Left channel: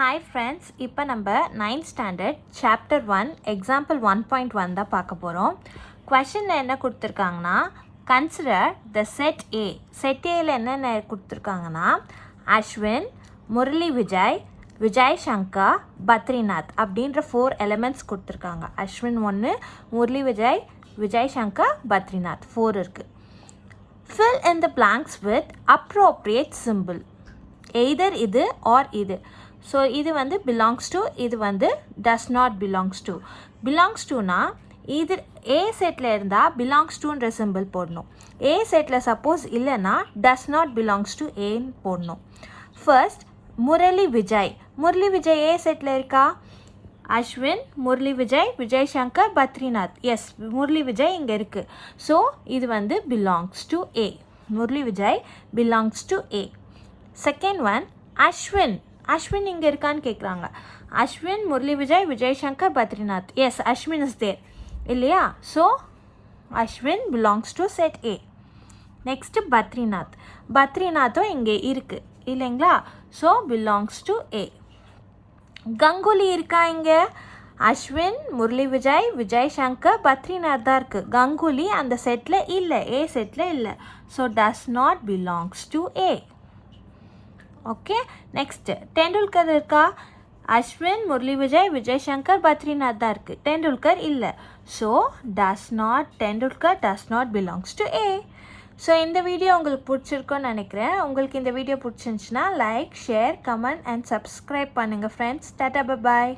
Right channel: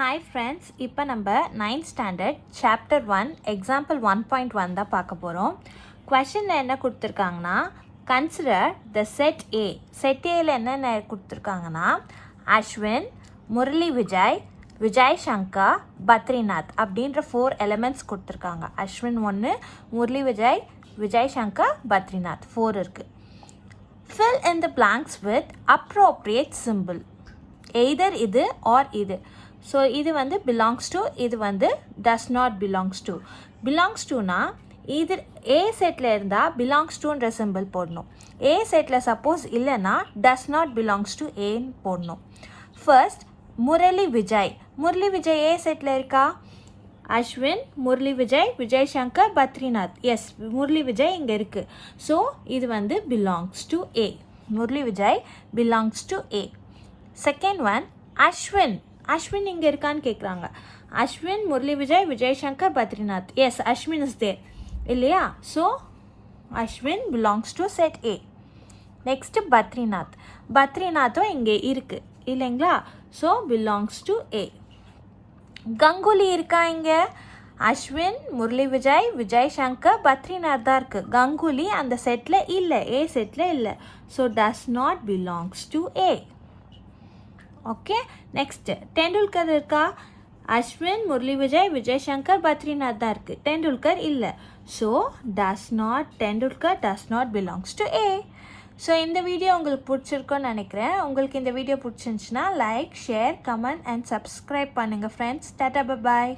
Hi friends, இப்போ நம்ம 9th standard chapter 1 example 1.1 தான் பார்க்க போகிறோம். கொஷனில் என்ன கொடுத்துருக்காங்கன்னா, consider the set A. Set ஏல என்னென்ன கொடுத்துருக்காங்கன்னா, அஸ்வின், முரளி விஜய், விஜய் சங்கர், பத்ரிநாத் அப்படின்ற 4 எலிமெண்ட்ஸ் கொடுத்துருக்காங்க. அஸ்வின் 1, முரளி விஜய், விஜய் சங்கர், பத்ரிநாத் 4 இருக்குது. Fill in the blanks with appropriate symbol. Either இது or இது. ஸோ இது வந்து belongs to, இது வந்து does not belongs to. belongs toனா இது A செட்டில் இருந்தால் belongs toன்ற சிம்பிள் போடணும். A செட்டில் சப்போஸ் இல்லைன்னா does not belongs to ஏன்னு போடணும். ஃபர்ஸ்ட் முரளி விஜய். முரளி விஜய் A செட்டில் இருக்கா? அஸ்வின், முரளி விஜய், விஜய் சங்கர், பத்ரிநாத். எஸ், முரளி விஜய் இங்கே இருக்குது. ஸோ இது வந்து belongs to A. Murali Vijay belongs to A. Second one Ashwin. Ashwin இங்கே இருக்கான்னு கேட்குறாங்க. Ashwin, Murali Vijay, Vijay Shankar, Badrinath. Yes, Ashwin is there இல்லையா? So Ashwin belongs to set A. Next Badrinath. பத்ரிநாத்தும் இங்கே இருக்குது இல்லைங்களா? So belongs to A. Ganguly இருக்கா இங்க? அஸ்வின், முரளி விஜய், விஜய் சங்கர், பத்ரிநாத் தான் இருக்கு. கங்குலி அந்த செட்ல இல்ல, ஏ செட்ல இல்ல. So does not belongs to A. Okay, next Tendulkar இருக்கா? அஸ்வின், முரளி விஜய், விஜய் சங்கர், பத்ரிநாத் தான் இருக்கு. டெண்டுல்கர் இல்ல. So Tendulkar does not belongs to A. So இந்த வீடியோ உங்களுக்கு பிடிச்சிருக்குன்னு நினைக்கிறேன். உங்களுக்கு இந்த வீடியோ பிடிச்சிருந்துச்சுன்னா like, share, comment and subscribe பண்ணுங்கள் ஃப்ரெண்ட்ஸ். டாடா, பாய்.